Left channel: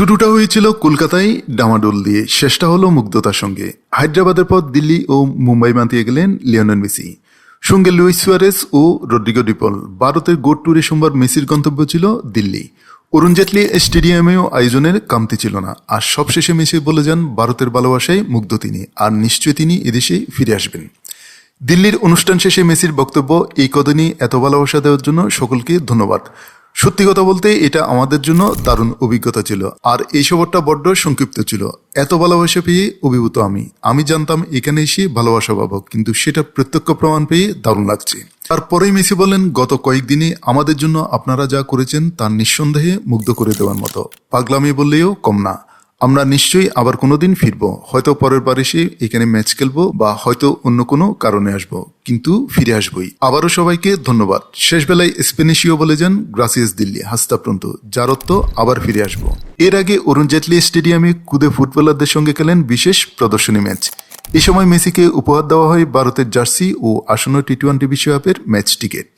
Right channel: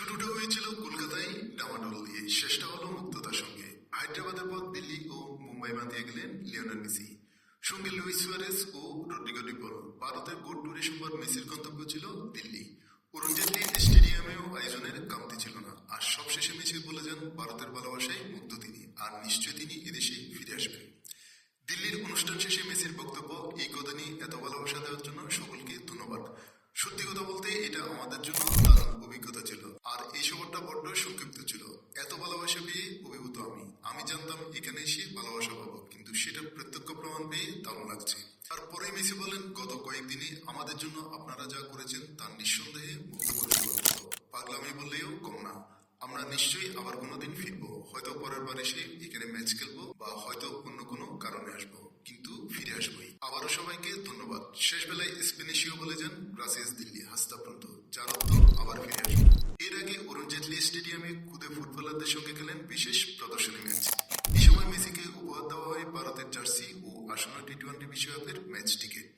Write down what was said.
শুরুটা হয়েছিল কলকাতায় ডামাডোল দিয়ে, শেষটা হলো মুগ্ধতার সঙ্গে। হায়দ্রাবাদের পর দিল্লি ও মুম্বাই মাতিয়ে গেলেন লিওনেল মেসি, সঙ্গে লুইস সুয়ারেস ও রদ্রিগো ডিপল। ভারতের গোট ট্যুরে সোমবার মেসির গন্তব্য ছিল দিল্লি। অরুণ জেটলি স্টেডিয়ামেও আয়োজনের কামতি ছিল না। আর সবশেষে মেসি বলে যান ভারতের ভালোবাসায় মুগ্ধ তিনি, আর নিশ্চয়ই তিনি এদেশে ফিরে আসবেন। দিল্লির অনুষ্ঠান শেষে মেসির বক্তব্য, এই কদিনই এত ভালোবাসা দেওয়ার জন্য সকলকে ধন্যবাদ। সত্যি কথা বলতে এটা আমাদের জন্য দারুণ অভিজ্ঞতা ছিল, আর এই সফরটা বড্ড সংক্ষিপ্ত ছিল। এত ভালোবাসা পেয়ে অভিভূত আমি জানতাম এখানে এসে ভালোবাসা পাবো, কিন্তু সেটা প্রত্যক্ষ প্রমাণ পেয়ে দারুণ লাগছে। তারপরেই মেসি বলেন, গত কয়েকদিনে আমাদের জন্য আপনারা যা করেছেন তা নিঃসন্দেহে মুগ্ধ করে দেওয়ার মতো। পাগলামি বললেও কম না। আমরা নিশ্চয়ই আবার কোনোদিন ফিরবো, হয়তো পরের বার এসে এখানে ম্যাচ খেলবো, বা হয়তো অন্য কোনো কারণে আসবো, কিন্তু ফিরে আসবোই। আবারও সবাইকে ধন্যবাদ। শেষ বেলায় স্প্যানিশীয় বলে যান, গ্রাসিয়াস দিল্লি, হাস্তা প্রন্ত, যার অর্থ আবার ফিরে আসবো। এর আগে অরুণ জেটলি স্টেডিয়ামে খুদে ফুটবলারদের সঙ্গে খেলেন বিশেষ প্রদর্শনী ম্যাচ। এ সময় মেসিকে উপহার দেওয়া হয় ভারতের জার্সি ও আসন্ন টি-20 বিশ্বকাপের ম্যাচ টিকিট।